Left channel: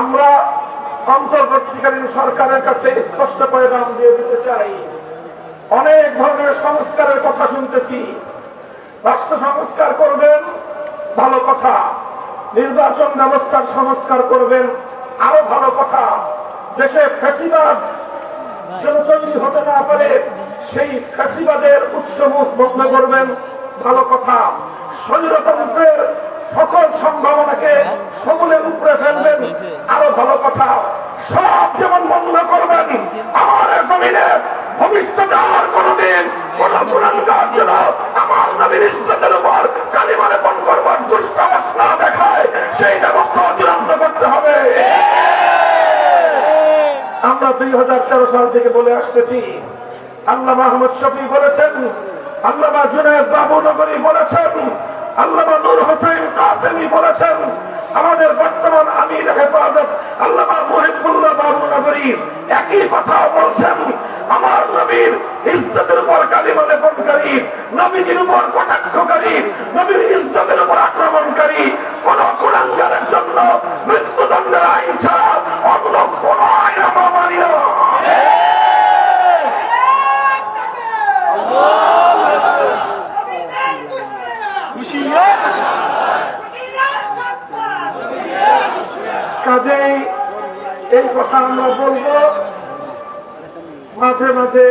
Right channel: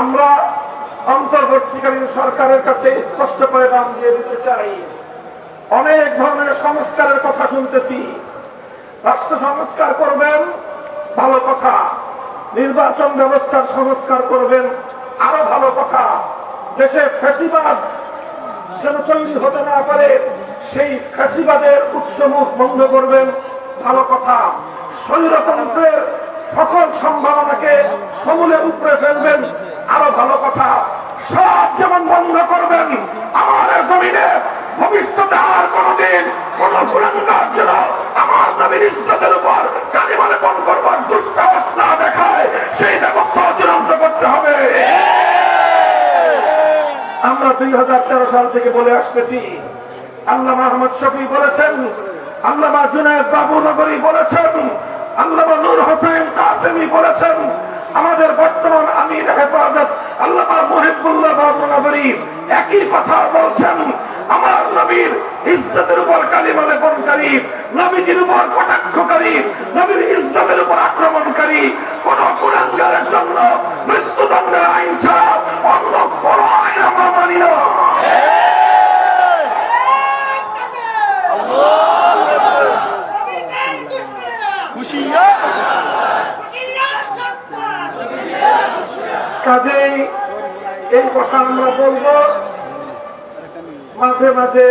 আমরা অন্তর্বর্তীকালীন সরকারের কাছে স্পষ্ট করে দাম দিয়ে দিতে চাই। অনেক ধরনের সংস্কারের কথা শুনতেছি। রাষ্ট্র সংস্কার করবেন, ভালো কথা। নির্বাচন ব্যবস্থার সংস্কার করবেন, আরও ভালো কথা। দেশে ফ্যাসিবাদ যেন তৈরি হতে না পারে, সেই ফ্যাসিবাদের উৎসমুখ বন্ধ করবেন, ভালো কথা। স্বৈরতন্ত্রের সকল সম্ভাবনাকে সমূলে উপরে ফেলবেন, আরও ভালো কথা সব যেমন বন্ধ করবেন। আমার জমিনে আমার দুই হাজার তেরো সাল থেকে বলে আসতেছি আল্লাহ মাহমুদ শফি বলেছেন, আল্লামা জুনায়দ বাবু নগরী বলেছেন, আল্লামা নূর হোসেন কাসেমি বলেছেন আমাদের বর্তমান আমির হেফাজত আল্লামা মুহিবুল্লাহ বাবু একই কথা বলছেন আমার নবীর ইজ্জতের উপর কালিমা লেপনকারী নবীজির উপর কটাক্ষকারী নবীর ইজ্জতের উপর আক্রমণকারী কোন কুলাঙ্গারের জন্য মৃত্যুদণ্ডের আইন ছাড়া অন্য কোন আইন আমরা মানি না। কাজেই এই কথা আমরা বলব। মাঝে মাঝে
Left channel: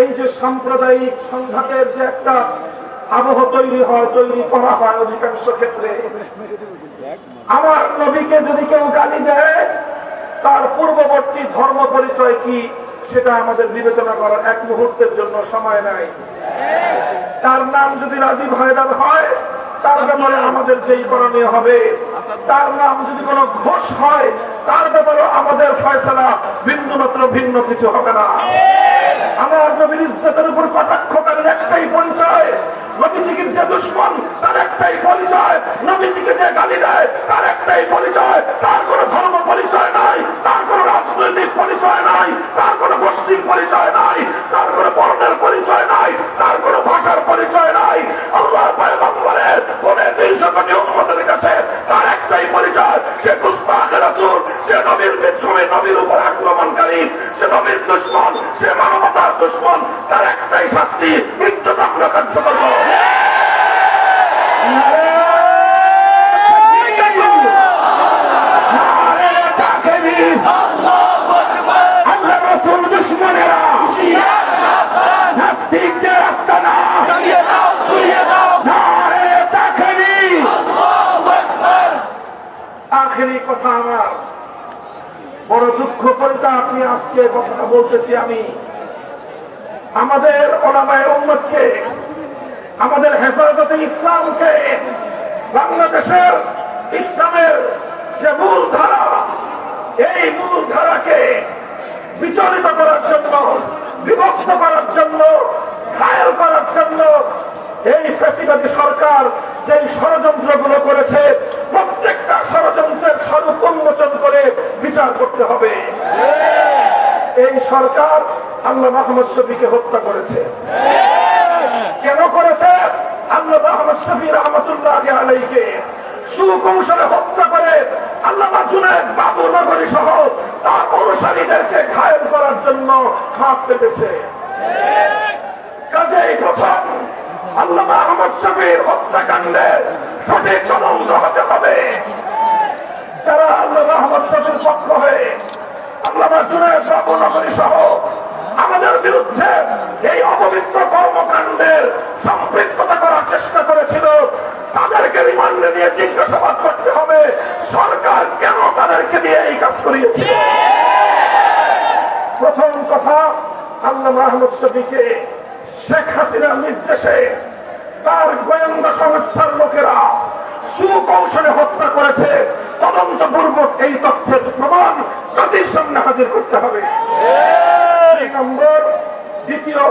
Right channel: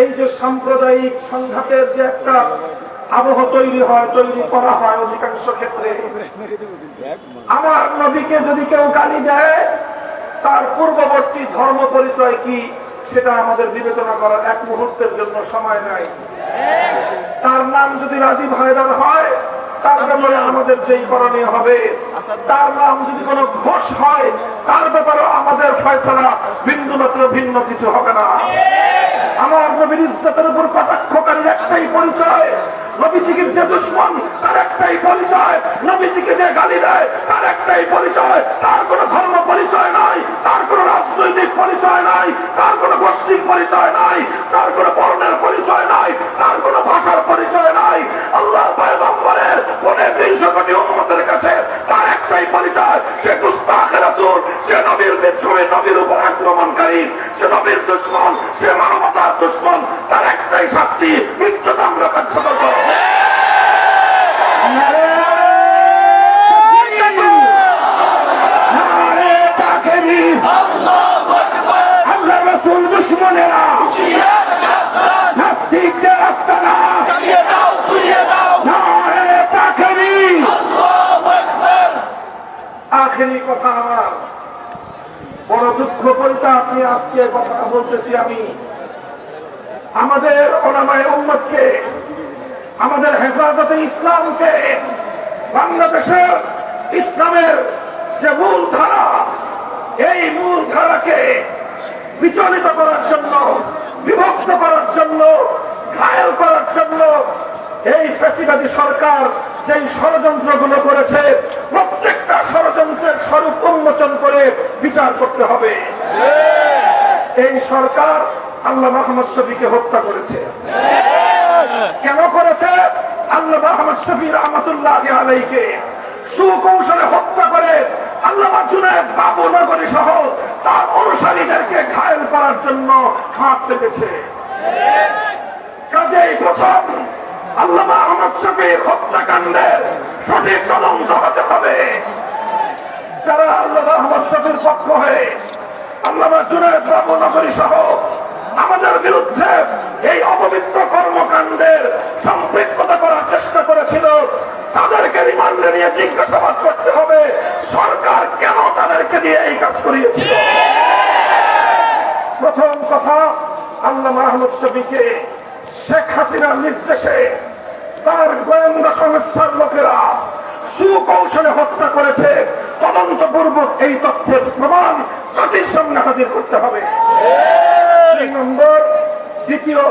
এই যে সাম্প্রদায়িক সংঘাতের যে একটা আবহ তৈরি হয় তৈরি করা হয় অধিকাংশ ক্ষেত্রে, আমার নবীকে যদি কেউ গালি দেয়, তার পূর্ববর্তী ধর্ম পরিচয় কি সেটা আমাদের বিবেচনা করার এক মুহূর্তের জন্য সময় নাই। তার নাম যদি রাজীব হায়দার হয় তার ব্যাপারে আমাদের যেই করণীয় হবে, তার নাম যদি কোনো ঘোষ হয়, তার ব্যাপারে আমাদের ফয়সলা বিন্দু মাত্র ভিন্ন কিছু হবে না। আমার নবীর ইজ্জতের উপর কটাক্ষকারীর একটাই পরিচয় নবীজিকে যে দুশ্মন, তার একটাই পরিচয়, নবীজিকে যে গালি দেয়, তার একটাই পরিচয়, তার কোনো ধর্ম পরিচয় নাই, তার কোনো রাজনৈতিক পরিচয় নাই, তার কোনো গোষ্ঠীর পরিচয় নাই, তার কোনো বর্ণের পরিচয় নাই, তার কোনো নবীর বিদ্রোহী নবীর উপর আক্রমণকারী সে নবীর দুশ্মন সে মানবতার দুশ্মন তার একটাই শাস্তি কিন্তু আমরা তাকবীর! আখেরি কথা আমার বড় দুঃখ পরিতা আপনি আজকে কথা বলতেছি আমি। আমাদের ওলামায় উন্নতকে আমাদের হেফাজতে ইসলামকে, বাংলাদেশের ইসলামের যে মূল ধারা এই মূল ধারাকে বিচলিত করার জন্য, বিভক্ত করার জন্য, ঘায়ল করার জন্য এই ফ্যাসিবাদী সরকার যেই ষড়যন্ত্রগুলো করেছে, প্রত্যেকটা ষড়যন্ত্রের স্বরূপ উন্মোচন করে বিচার করতে হবে। এই সরকার আল্লাহ মাহমদ শফিকে হত্যা করেছে। কেন করেছে? আল্লাহ মাহমদ শফি রহমতুল্লাহ আলাইকে সুকৌশলে হত্যা করে আল্লাহ জুনায়দ বাবু নগরী সহ তার অনুসারীদেরকে ঘায়ল করার জন্য হাত পেতেছে। কাজেই প্রথম আল্লামা আহমদ শফির হত্যাকাণ্ডের সঠিক তদন্ত হতে হবে। যারা আল্লাহ আহমদ শফির পক্ষ হয়ে নগরী সহ। আমাদের বিরুদ্ধে এই অপবিত্র কর্মকাণ্ডের সম্পৃক্ততা করার চেষ্টা করেছিল। তাদেরকে রিমান্ডে নিয়ে জিজ্ঞাসাবাদ করতে হবে। সরকার কেন তাদেরকে দিয়ে এই কাজ প্রথম কথা, আল্লাহ মাহমুদ শফিকে শেখ হাসিনার নির্দেশে তার গোয়েন্দা সংস্থার লোকেরা সুকৌশলে হত্যা করেছে। তদন্তপূর্বক এই তথ্যের প্রমাণ জাতির সামনে হাজির করতে হবে। দুই নম্বর দ্বিতীয়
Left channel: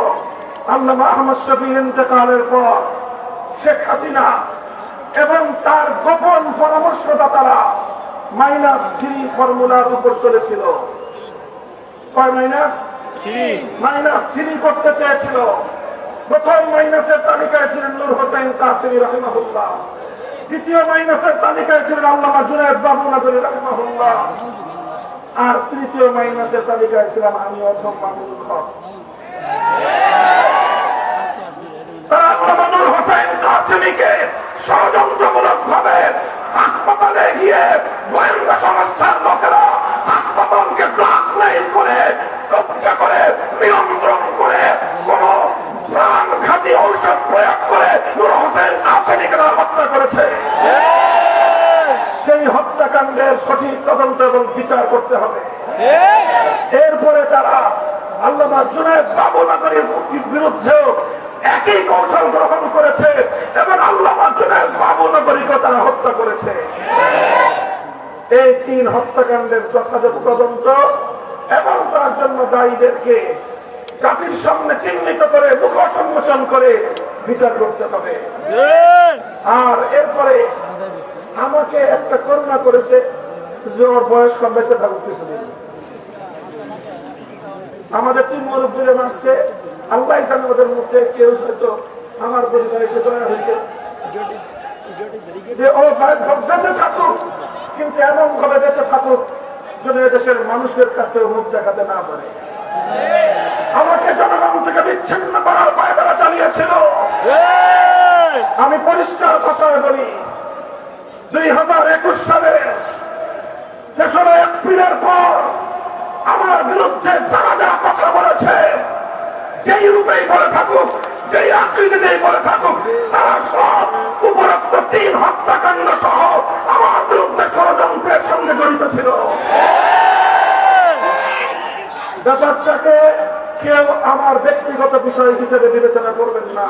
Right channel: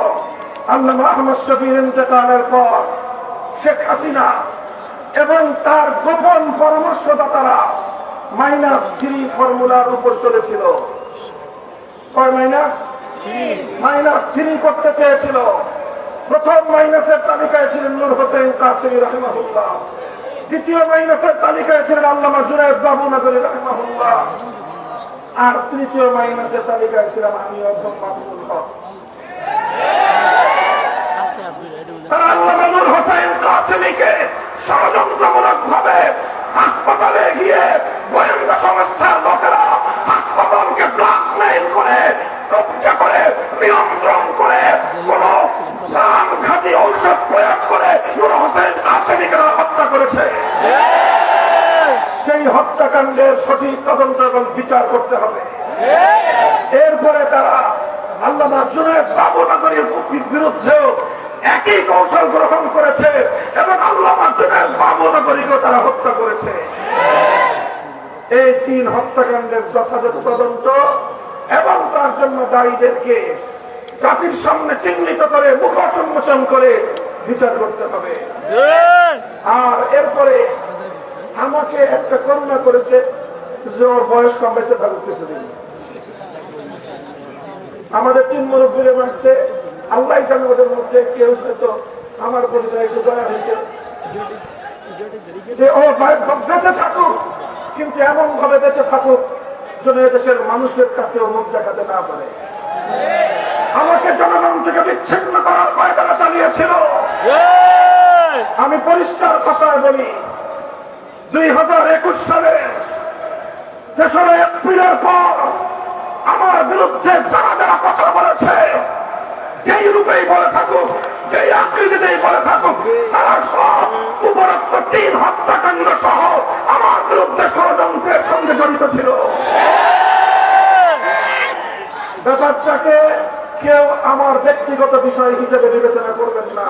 আল্লাহ মাহমুদ শফির ইন্তকালের পর শেখ হাসিনা এবং তার গোপন পরামর্শদাতারা মাইনাস থ্রি ফর্মুলার উপর চলেছিল। কয় মাইনাস? মাইনাস থ্রি করতে চেয়েছিল। প্রথম মাইনাসের তালিকায় ছিলেন নূর হোসেন কাসিম রহমাহুল্লাহ। দ্বিতীয় মাইনাসের তালিকায় ছিলেন আল্লামা জুনায়দ বাবু নগরী আর তৃতীয় মাইনাসের তালিকায় ছিলাম আমি হাসপাতালে গিয়ে করে ঔষধ প্রয়োগ করে নুর হোসেন কাসিমিকে হত্যা করেছে। সেই হত্যাকাণ্ডের সঠিক তদন্ত এবং বিচার করতে হবে। এরপরে তারা আল্লামা জুনায়দ বাবুনগরীর বিরুদ্ধেও একই কৌশল গ্রহণ করেছে এবং আল্লামা জুনায়দ বাবুনগরীকে তারা হত্যা করেছে। এই তিন হত্যাকাণ্ডের যথাযথ তদন্ত এবং তার জন্য দায়ীদেরকে জাতির সামনে চিহ্নিত করে মুখ সম্মোচন করে বিচার করতে হবে। আর এরপরে আমাকে একটা করুণা করেছে যে ওর বয়স কম বেঁচে থাকুক কিছুদিন। আমাদের তিন মুরব্বীর মাসে আল্লাহ জানে ওদের মধ্যে কেউ হয়তো আমার পরিবারে একটু দয়া হয়েছে। যে ও বেঁচে থাকুক কিন্তু এমন ভাবে বেঁচে থাকুক যেন দেশের মানুষের কাছে মুখ দেখাতে না পারে। আমাকে জনগণ থেকে বিচ্ছিন্ন করার পায়তারা চালিয়েছিল। আমি পরিষ্কার ভাষায় বলি, দুই হাজার একুশ সালে তেসরা এপ্রিলের পর আমার বিরুদ্ধে যারা যারা কথা বলেছে, যেই রূপেই বলে থাকুক, যেই আকৃতিতেই বলে থাকুক, তারা সব উপরোক্ত তিন হত্যাকাণ্ড সহ আমার বিরুদ্ধে ষড়যন্ত্রের সঙ্গে জড়িত ছিল। ব্যাপারটাকে কেউ আমার ব্যক্তিগত বিষয় হিসেবে বিবেচনা করবেন না।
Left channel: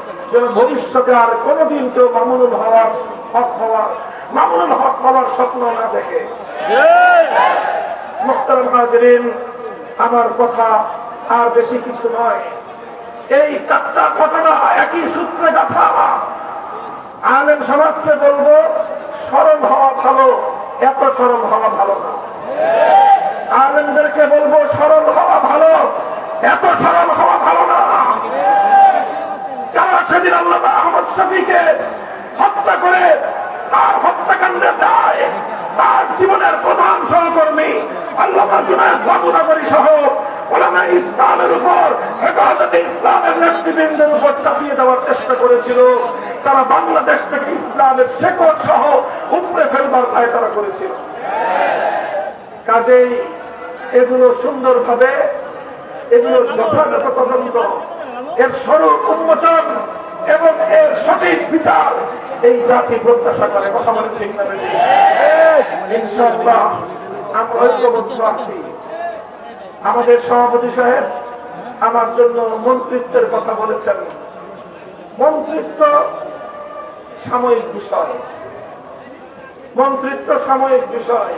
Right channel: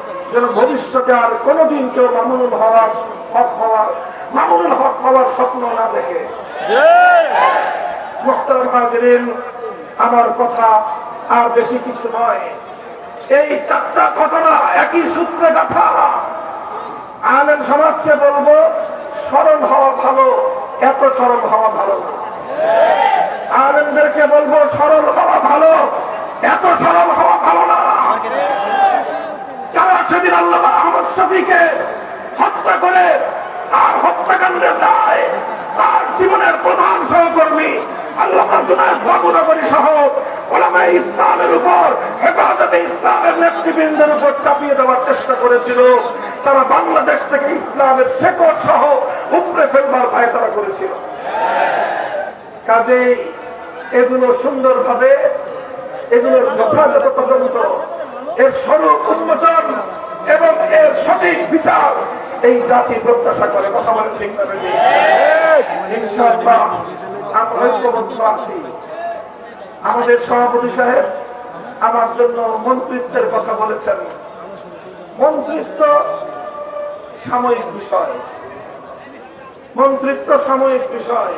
যেন ভবিষ্যতে আর কোনোদিন কেউ মামুনুল হওয়ার হক হওয়ার মামুনুল হক হওয়ার স্বপ্ন না দেখে। মোখতার আমার কথা আর বেশি কিছু নয়। এই চারটা ঘটনা একই সূত্রে কথা আলেম সমাজকে বলব সরল হওয়া ভালো এত সরল হওয়া ভালো না। আলেমদেরকে বলব সরল হওয়া ভালো এত সরল হওয়া ভালো না। যারা সেদিন আল্লাহ আহমদ শফিকে হত্যা করে তার হত্যাকাণ্ডে দায় তার জীবনের প্রধান সহকর্মী আল্লাহ সহ চেষ্টা করেছিল। তারা বাংলাদেশ থেকে ইসলামের শেকড় সহ উপরে ফেলবার তারা করেছিল। কাজেই এগুলো সুন্দরভাবে, এগুলোর যথাযথ তদন্ত এর স্বরূপ উন্মোচন এবং এর সঠিক বিচার এই জাতি প্রত্যাশা করে। কথা বলে আছি। আমাদের সভাপতি সাহেব আমার জন্য মন্ত্রিত্বের কথা বলেছেন। মন্ত্রিত্ব সাময়িক বিষয়। মন্ত্রিত্ব সাময়িক বিষয়।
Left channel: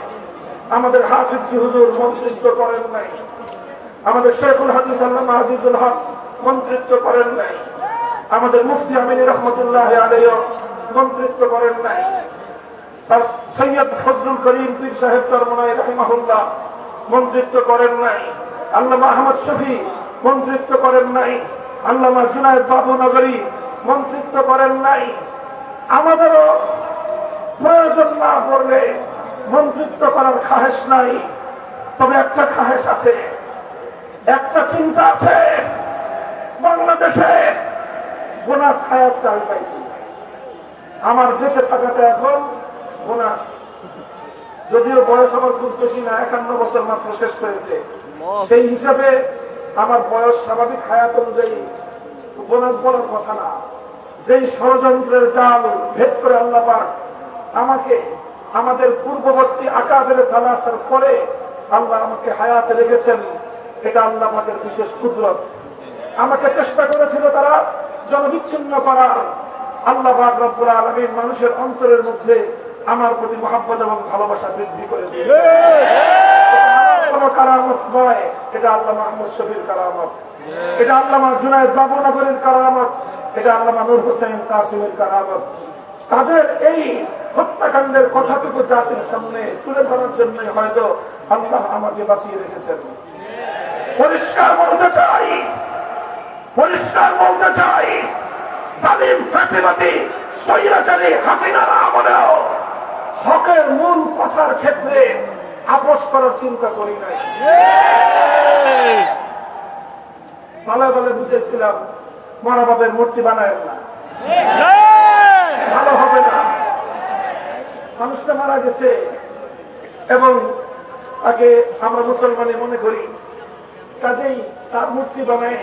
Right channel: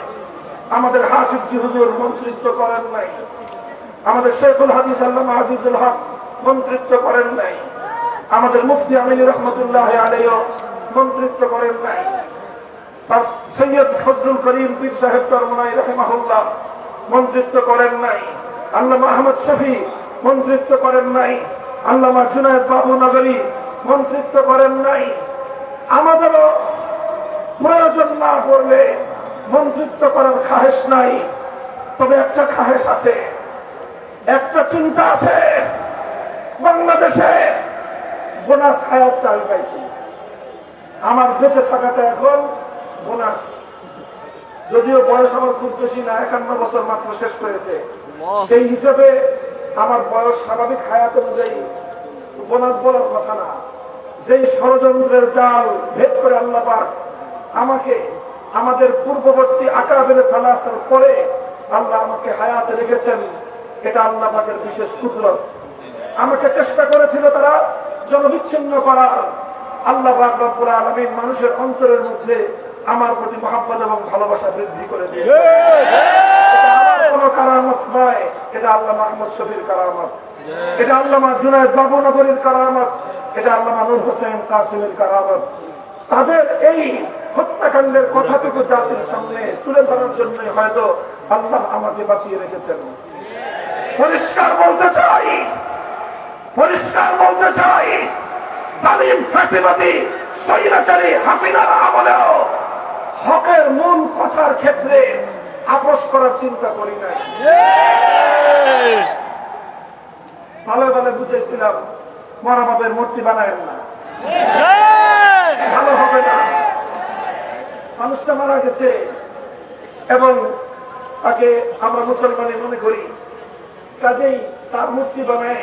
আমাদের হাফিজি হুজুর মন্ত্রিত্ব করেন নাই। আমাদের শেখুল হাদিস আল্লাহ আজিজুল হক মন্ত্রিত্ব করেন নাই। আমাদের মুফতি আমিনী রহমতুল্লাহ আলাইও মন্ত্রিত্ব করেন নাই। তার সৈয়দ ফজলুল করিম পীর সাহেব চরমনাই রহমাহুল্লাহ মন্ত্রিত্ব করেন নাই। আল্লামা আহমদ শফি মন্ত্রিত্ব করেন নাই। আল্লামা জুনায়দ বাবু নগরী মন্ত্রিত্ব করেন নাই। আমাদেরও প্রয়োজন না পড়লে মন্ত্রিত্ব করার খাহেস নাই। তবে একটা খাহেস আছে, একটা চিন্তা আছে। বাংলাদেশে বোনাস হায়াতটা আমি পাইছি। আমার দেশে থাকাটা এখন বোনাস। যদিও বয়স আমার খুব বেশি না একান্ন বছর মাত্র শেষ করেছে। সেই হিসাবে আমার বয়স স্বাভাবিক হায়াত অনুযায়ী বোনাস বলার কথা না। যেই ষড়যন্ত্রের জাল ভেদ করে আল্লাহ পাক আমাকে আমাদের পূর্ববর্তী আকাদের সালাস্তার পরে আল্লাহ আমাকে হায়াতে রেখেছেন এটা আল্লাহ পাকের বিশেষ কুদরত। আমাকে চেষ্টা করেছিল তারা জনবিচ্ছিন্ন করার আল্লাহ রব্বুল মানুষের অন্তরের মধ্যে আমার প্রতি মহাব্বত এবং ভালোবাসা বৃদ্ধি করে দিয়েছে কোন কারামত নয় এটা আল্লাহ মাহমুদ শফির কারামত। এটা আল্লামা জুনায়দ বাবুনগরের কারামত। এটা আল্লামা নূর হোসেন কাসিমের কারামত। তাদের এই হত্যাকাণ্ডের কথাটুকু জাতির সামনে তুলে ধরার জন্য হয়তো আল্লাহ আমাকে বাঁচিয়ে রেখেছেন। পরিষ্কার বলতে চাই পরিষ্কার বলতে চাই সালিম ফাঁসিবাদী স্বৈরাচারী হাসিনার আমলেও হকের মূল কথার ক্ষেত্রে আপোষ করার চিন্তা করি নাই। ভালো ভালো বুঝেছিলাম, মরা বাবের মূর্তি বানায় না। ভালো হবে না। মানুষটা মারা গেছে এবং তাকে আমরা মুসলমানে মনে করি, কাজেই তার মূর্তি বানায়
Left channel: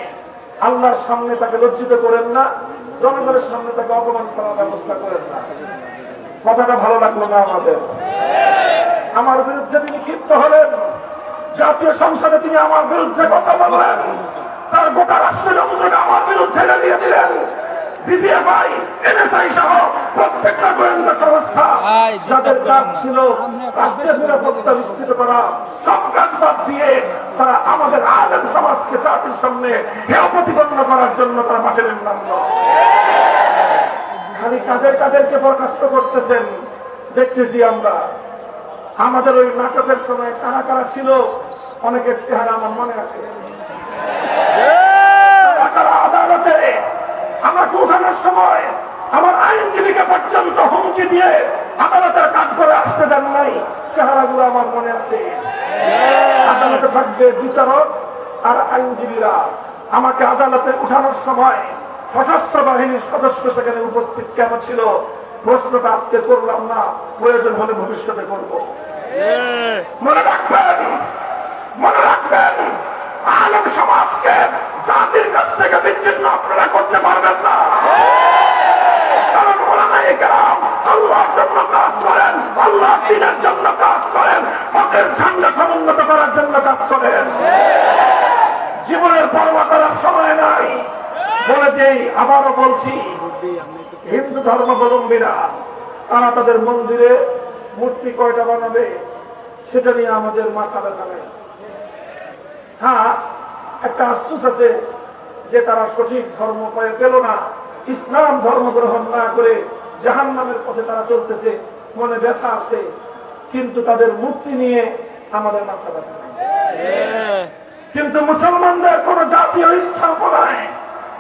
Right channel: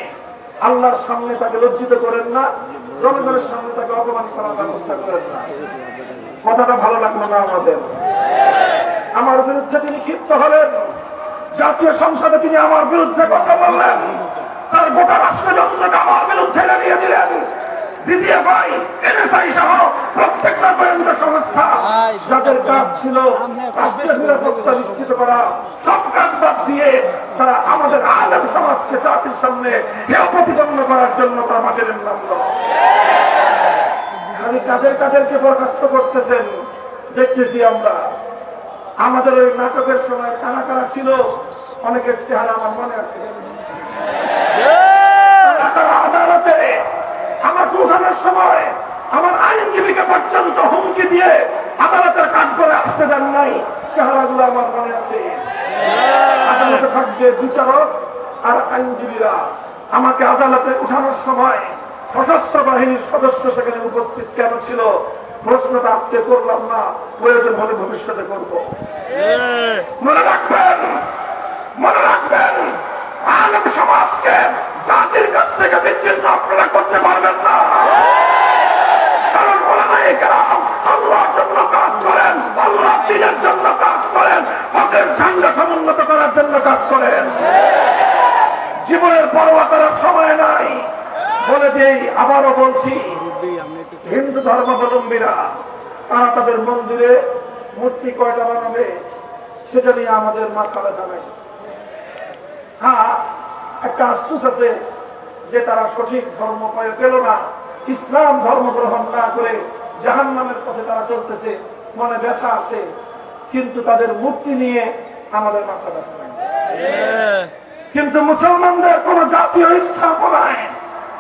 আল্লাহর সামনে তাকে লজ্জিত করেন না, জনগণের সামনে তাকে অপমান করার ব্যবস্থা করেন না। কথাটা ভালো লাগল না আমাদের? আমার বিরুদ্ধে তিনি ক্ষিপ্ত হলেন। জাতীয় সংসদে তিনি আমার বিরুদ্ধে কথা বললেন তার গোটা রাষ্ট্রযন্ত্রকে আমার বিরুদ্ধে নিয়ে দিলেন। ডিজিএফআই এনএসআই সহ প্রত্যেকটা গোয়েন্দা সংস্থা যাদের কাজ ছিল রাষ্ট্রের নিরাপত্তা নিশ্চিত করা সব কাজ বাদ দিয়ে তারা আমাদের আলেম সমাজকে জাতির সামনে হেয় প্রতিপন্ন করার জন্য তারা মাঠে নামল খালি কাদের কাদেরকে বরখাস্ত করতেছেন দেখতেছি আমরা। আমাদের ওই নাটকের সময় কারা কারা ছিল অনেকের চেহারা আমার মনে আছে। আমাকে উঠানোর সময় আমার আইনজীবীকে পর্যন্ত হুমকি দিয়ে আদালতের কাজ করে আসতে দেন নাই। চেহারাগুলো আমার মনে আছে। আদালতে থাকবে বিচারক আর আইনজীবীরা। আমাকে আদালতে উঠানোর সময় সশস্ত্র বাহিনীর সদস্য সেখানে উপস্থিত কেন ছিল? প্রশ্নটা আজকে করলাম না। প্রয়োজন হলে ভবিষ্যতে করব। মনে রাখবেন মনে রাখবেন আলেম সমাজকে জাতির কাছ থেকে বিচ্ছিন্ন আপনারা করতে পারবেন না। জীবনের করার সময় নাই। বলে দিই আবারও বলছি, হিন্দু ধর্মাবলম্বীরা, তারা তাদের মন্দিরে মূর্তি কয়টা বানাবে, সেটা নিয়ে আমাদের মাথা নাই। হ্যাঁ একটা আশ্বাস আছে যে তারা সঠিক ধর্ম পেয়ে পেল না। ইসলাম ধর্ম গ্রহণ না করে জাহান নামের পথে তারা চলতেছে, মনে ব্যথা আছে, কিন্তু তাদের মুক্তি নিয়ে আমাদের মাথা ব্যথা কিন্তু মুসলমানদের কোন জাতীয় স্থাপনায়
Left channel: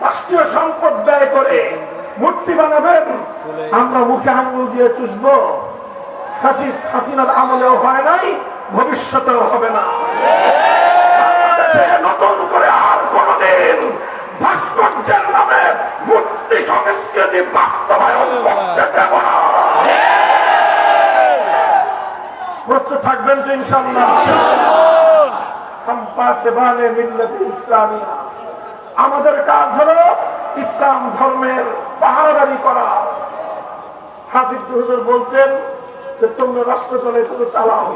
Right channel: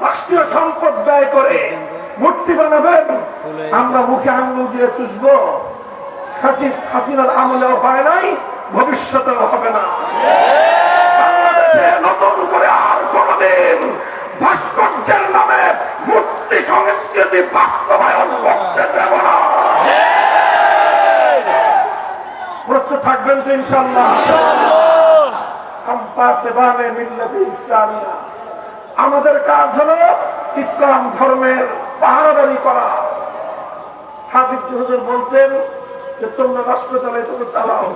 রাষ্ট্রীয় সম্পদ ব্যয় করে মূর্তি বানাবেন। আমরা মুখে আঙ্গুল দিয়ে চুষব। হাসিনার আমলেও হয় নাই, ভবিষ্যতেও হবে না। নতুন করে আর কোনদিন ভাস্কর্যের নামে মূর্তি সংস্কৃতি বাস্তবায়ন করতে দেব না। প্রস্তুত থাকবেন তো ইনশাল্লাহ ইসলামিয়া। আমাদের কাজ হলো ইসলাম ধর্মের পাহারাদারি করা। হাফিজ হুজুর বলতেন যে, তোমরা রাষ্ট্র চালাও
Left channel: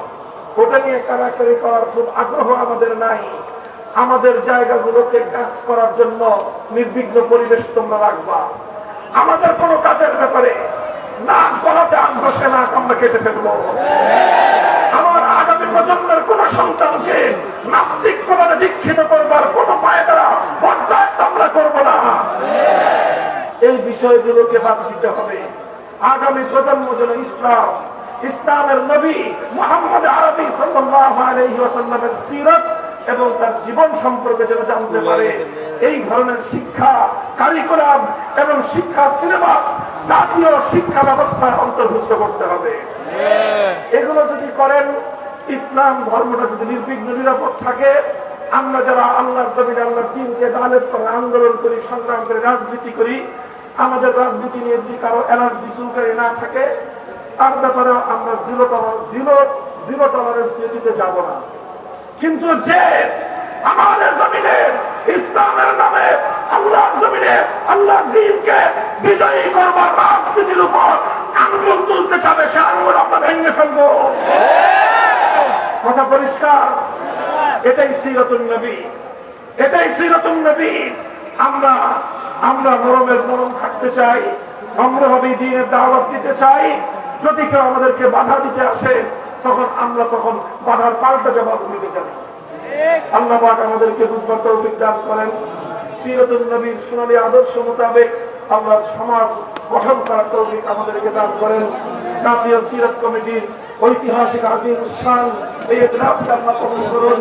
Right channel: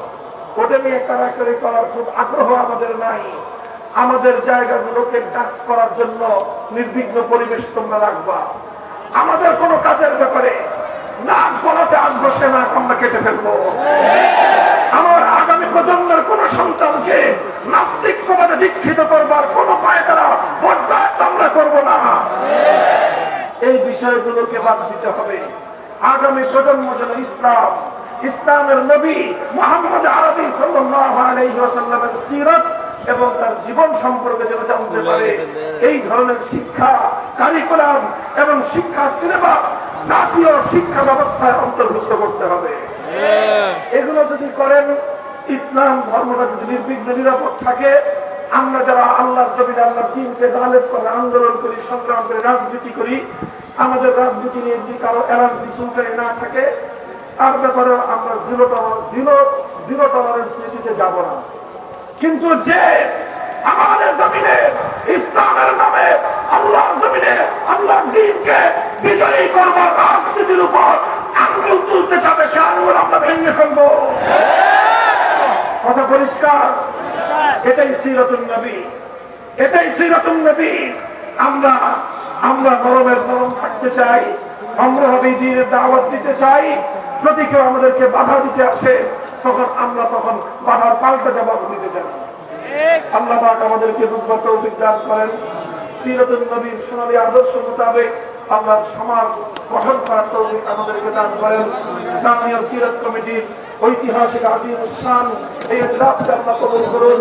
ওটা নিয়ে কারাকারি করার খুব আগ্রহ আমাদের নাই। আমাদের জায়গাগুলোকে কাজ করার জন্য নির্বিঘ্ন পরিবেশ তোমরা রাখবা। আমাদের কোনো কাজের ব্যাপারে না গলাতে আগ বসে না আমরা কেটে ফেলব। আমার আগামী প্রজন্মের কোন সন্তানকে নাস্তিক প্রবাদে দীক্ষিত করবার কোন পায়তারা বরদাস্ত আমরা করব না। এই বিষয়গুলোকে বাদ দিতে হবে। আগামী প্রজন্ম যেন ইসলাম, ইসলামের নবী মোহাম্মদ আরবি সাল্লাল্লাহু আলাইহি ওয়াসাল্লামের সিরাত এবং তার জীবন সম্পর্কে যেন জানতে পারে। এই ধরনের শিক্ষা কারিকুলাম এবং শিক্ষা সিলেবাস জাতীয় শিক্ষা ব্যবস্থায় অন্তর্ভুক্ত করতে হবে। এগুলো যদি করেন ইসলাম ধর্মটা যদি নির্বিঘ্ন নিরাপদ থাকে আমরা যারা আল্লাহর জমিন আল্লাহর দিনকে গালেব করে আন্দোলন করি সংগ্রাম করে রাজনীতি করি আমাদের রাজনীতি নিয়ে যদি কারও এনার্জি চুলকারি না থাকে তার ব্যাপারে আমরা জিরো টলার জিরো জিরো টলারেন্স নীতিতে যাব না। কিন্তু যে আমাদের জমিনে, ইসলামের নামে আল্লাহর জমিনে আল্লাহর দিনকে বিজয়ী করবার রাজনীতির উপর আঙ্গুল তুলতে চাবে সে আঙ্গুল আমরা ভেঙে ফেলব। কথা পরিষ্কার? এটাই সিরতুল নবী। এটাই সিরতুল নবী। আমরা আমরা নরমের নরম থাকতে চাই নম্রভাবে দিনের দাওয়াত দিতে চাই। যদি কেউ আমাদেরকে বাধা দিতে আসে তখন আমরা তখন বাধার পাল্টা জবাব দিতে চাই। আল্লাহ পাক আমাদেরকে তৌফিক দান করেন। সিরতুল নবীর সোনালী আদর্শ মোতাবেক আল্লাহর সমাজ গঠন করার তৌফিক আমাদেরকে দান করেন। জাতীয় সিরাত কমিটির ঐতিহাসিক আজিম স্থান এই ইজলাসকে আল্লাহ কবুল করুন।